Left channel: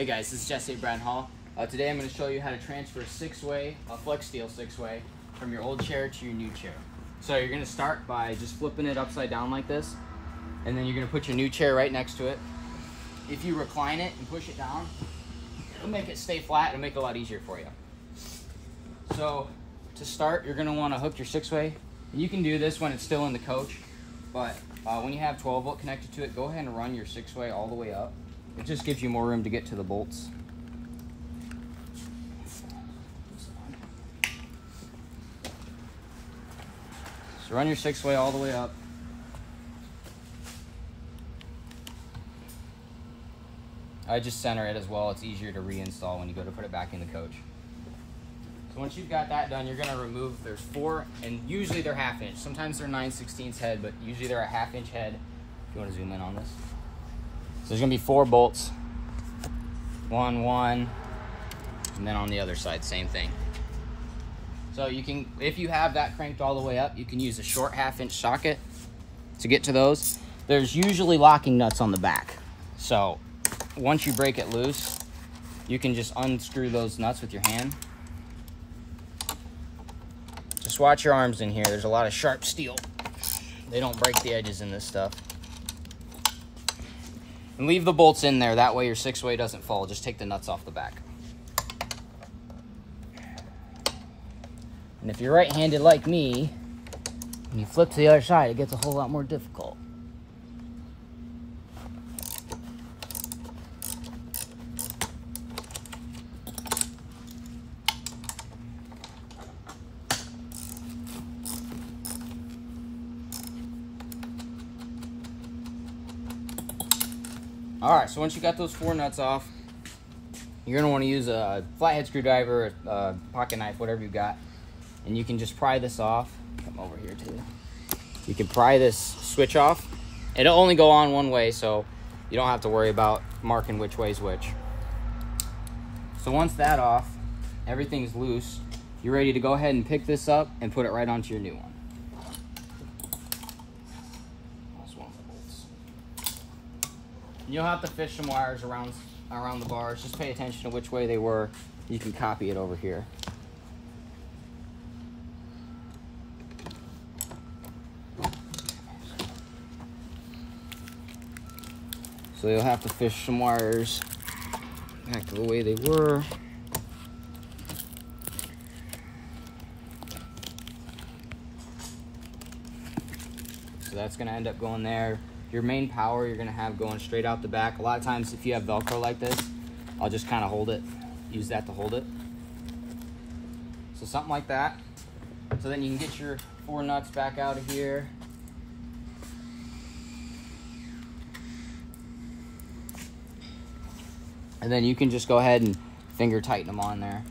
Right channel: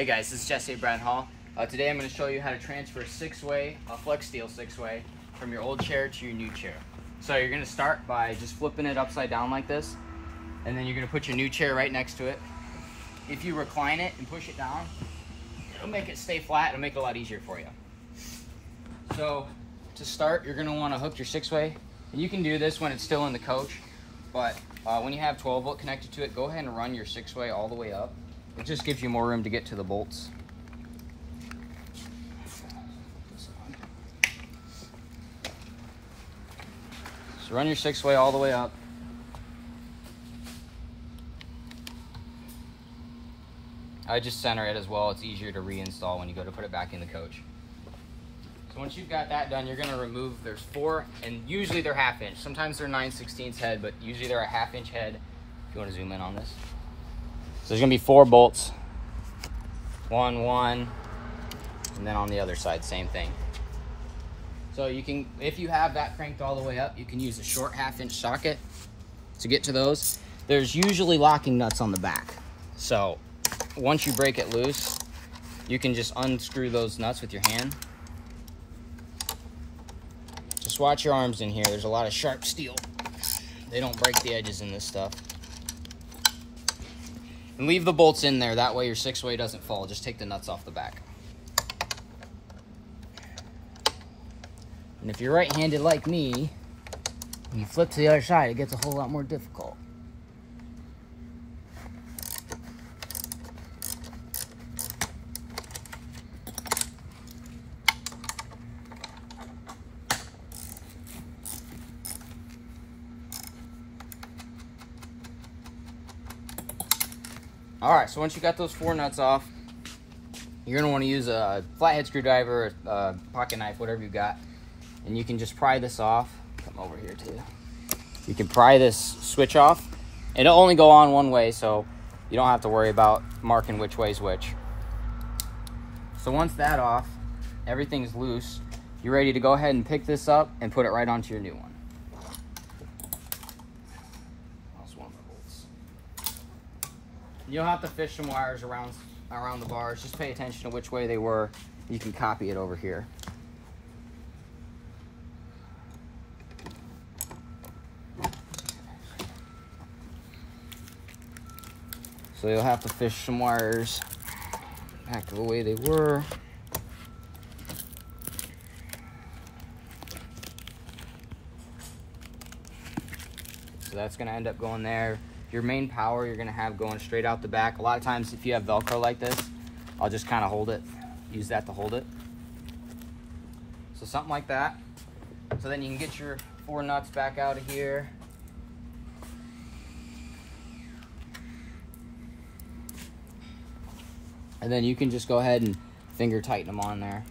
Hey guys, this is Jesse at Brad Hall. Today I'm going to show you how to transfer a 6-way, a Flexsteel 6-way, from your old chair to your new chair. So you're going to start by just flipping it upside down like this, and then you're going to put your new chair right next to it. If you recline it and push it down, it'll make it stay flat. It'll make it a lot easier for you. So to start, you're going to want to hook your 6-way. And you can do this when it's still in the coach, but when you have 12 volt connected to it, go ahead and run your 6-way all the way up. It just gives you more room to get to the bolts. So run your 6-way all the way up. I just center it as well. It's easier to reinstall when you go to put it back in the coach. So once you've got that done, you're gonna remove, there's 4, and usually they're 1/2 inch. Sometimes they're 9/16 head, but usually they're a 1/2 inch head. If you wanna zoom in on this. So there's gonna be 4 bolts. 1, and then on the other side, same thing. So you can, if you have that cranked all the way up, you can use a short 1/2 inch socket to get to those. There's usually locking nuts on the back. So once you break it loose, you can just unscrew those nuts with your hand. Just watch your arms in here. There's a lot of sharp steel. They don't break the edges in this stuff. And leave the bolts in there. That way your 6-way doesn't fall. Just take the nuts off the back. And if you're right-handed like me, when you flip to the other side, it gets a whole lot more difficult. All right, so once you got those 4 nuts off, you're gonna wanna use a flathead screwdriver, a pocket knife, whatever you got, and you can just pry this off. Come over here too. You can pry this switch off. It'll only go on one way, so you don't have to worry about marking which way's which. So once that's off, everything's loose, you're ready to go ahead and pick this up and put it right onto your new one. You'll have to fish some wires around the bars. Just pay attention to which way they were. You can copy it over here. So you'll have to fish some wires back to the way they were. So that's going to end up going there. Your main power you're gonna have going straight out the back. A lot of times if you have Velcro like this, I'll just kind of hold it, use that to hold it. So something like that. So then you can get your 4 nuts back out of here. And then you can just go ahead and finger tighten them on there.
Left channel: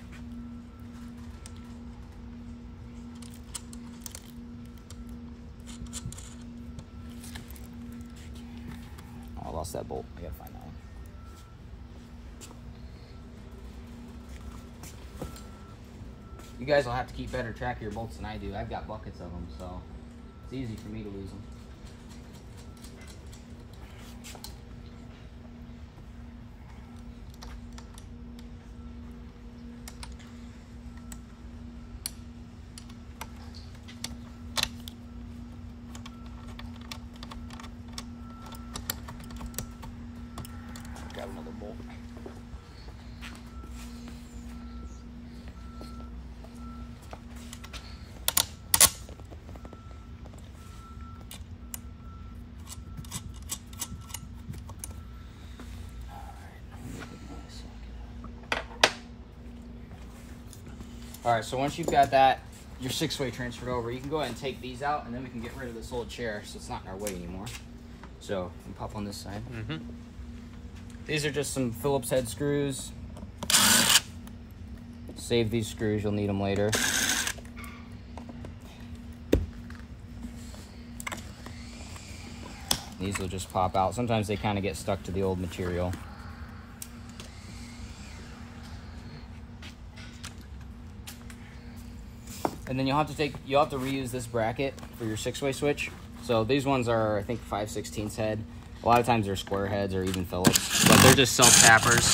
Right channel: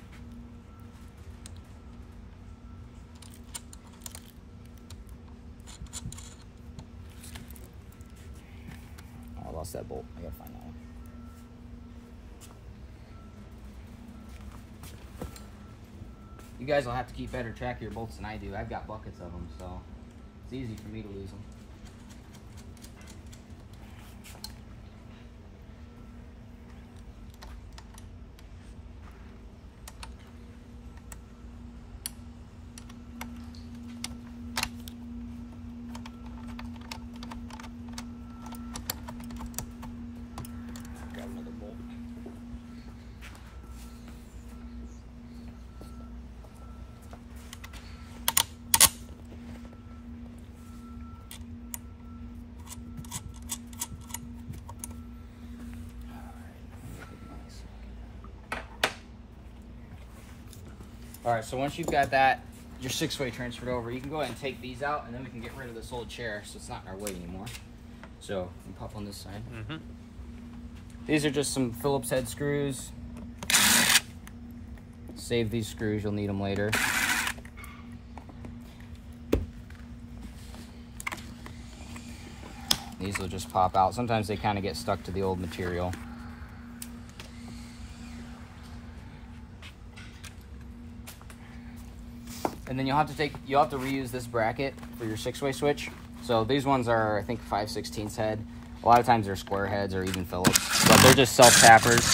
I lost that bolt. I gotta find that one. You guys will have to keep better track of your bolts than I do. I've got buckets of them, so it's easy for me to lose them. Grab another bolt. All right, so once you've got that, your 6-way transferred over, you can go ahead and take these out, and then we can get rid of this old chair so it's not in our way anymore. So you can pop on this side. These are just some Phillips head screws. Save these screws, you'll need them later. These will just pop out. Sometimes they kind of get stuck to the old material. And then you'll have to reuse this bracket for your 6-way switch. So these ones are, I think, 5/16 head. A lot of times they're square heads or even Phillips, but they're just self tappers.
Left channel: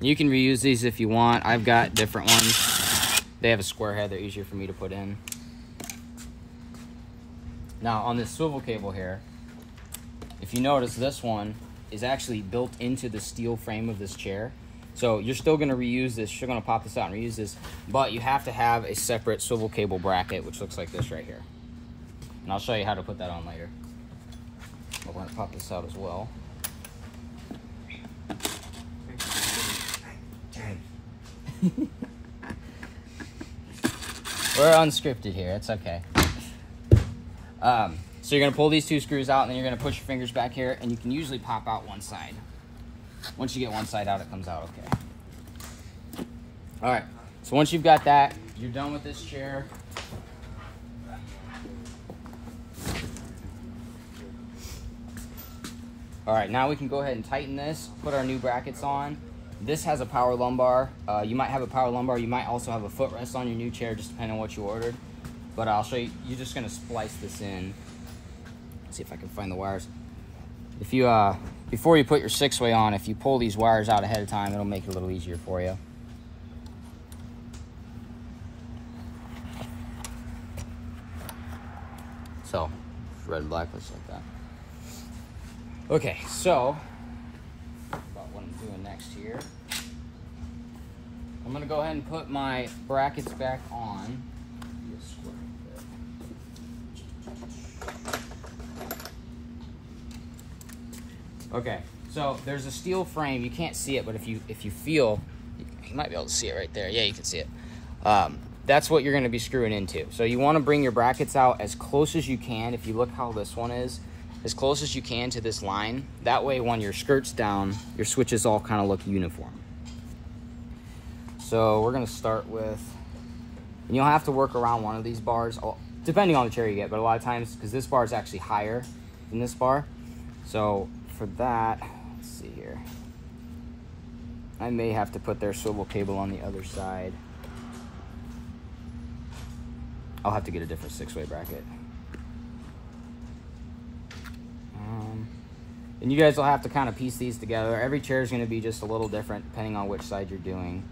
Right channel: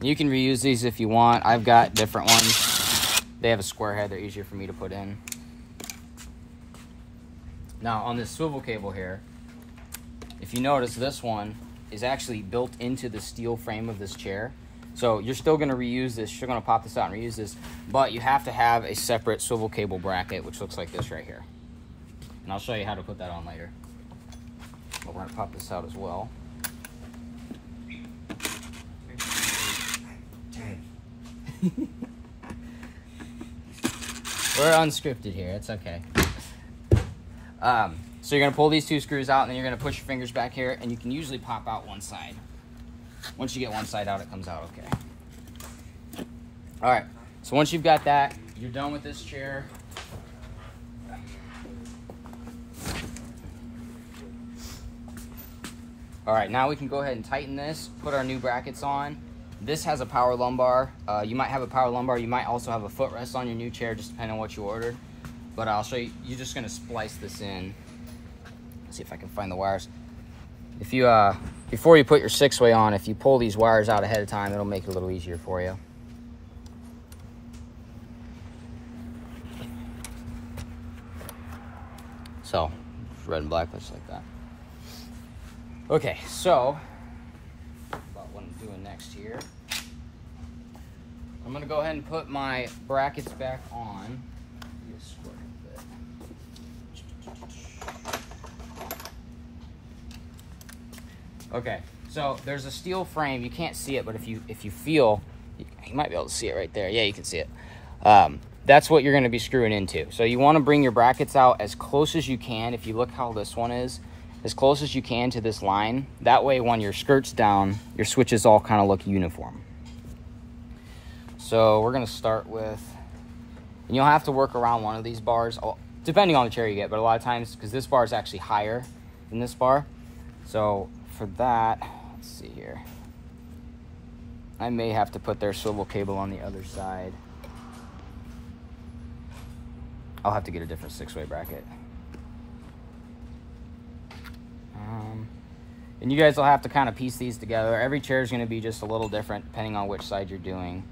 You can reuse these if you want. I've got different ones. They have a square head. They're easier for me to put in. Now, on this swivel cable here, if you notice, this one is actually built into the steel frame of this chair. So you're still going to reuse this. You're going to pop this out and reuse this, but you have to have a separate swivel cable bracket, which looks like this right here. And I'll show you how to put that on later. But we're going to pop this out as well. We're unscripted here. It's okay. So you're going to pull these two screws out, and then you're going to push your fingers back here, and you can usually pop out one side. Once you get one side out, it comes out okay. All right. So once you've got that, you're done with this chair. All right, now we can go ahead and tighten this, put our new brackets on. This has a power lumbar. You might have a power lumbar. You might also have a footrest on your new chair, just depending on what you ordered. But I'll show you. You're just gonna splice this in. Let's see if I can find the wires. If you, before you put your 6-way on, if you pull these wires out ahead of time, it'll make it a little easier for you. So, red and black looks like that. Okay, so, about what I'm doing next here. I'm gonna go ahead and put my brackets back on. Okay, so there's a steel frame. You can't see it, but if you feel, you might be able to see it right there. Yeah, you can see it. That's what you're going to be screwing into. So you want to bring your brackets out as close as you can. If you look how this one is, as close as you can to this line. That way, when your skirt's down, your switches all kind of look uniform. So we're going to start with, and you'll have to work around one of these bars, depending on the chair you get, but a lot of times, because this bar is actually higher than this bar. So for that, let's see here. I may have to put their swivel cable on the other side. I'll have to get a different 6-way bracket. And you guys will have to kind of piece these together. Every chair is going to be just a little different depending on which side you're doing.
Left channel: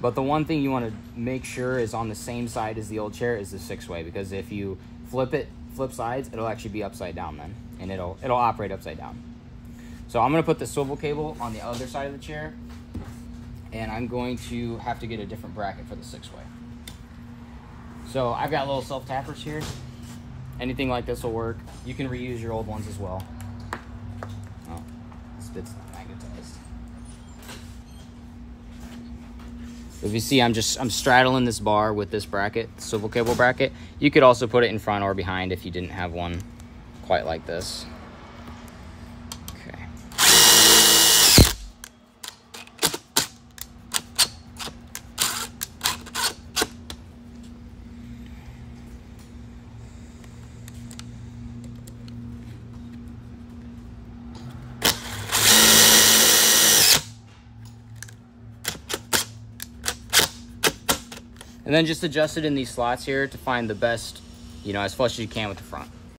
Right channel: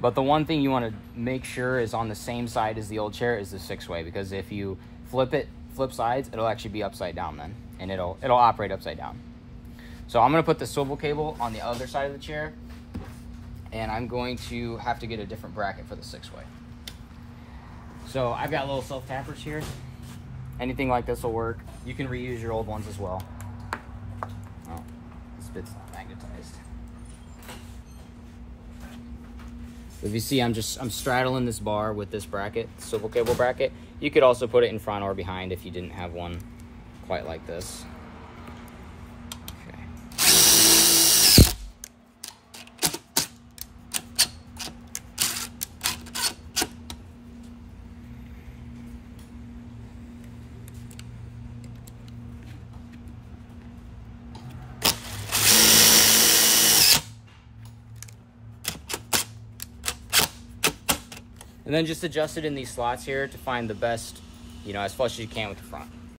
But the one thing you want to make sure is on the same side as the old chair is the 6-way, because if you flip sides, it'll actually be upside down then, and it'll operate upside down. So I'm going to put the swivel cable on the other side of the chair, and I'm going to have to get a different bracket for the 6-way. So I've got little self-tappers here. Anything like this will work. You can reuse your old ones as well. Oh, this bit's not magnetized. If you see, I'm straddling this bar with this bracket, swivel cable bracket. You could also put it in front or behind if you didn't have one quite like this. And then just adjust it in these slots here to find the best, as flush as you can with the front.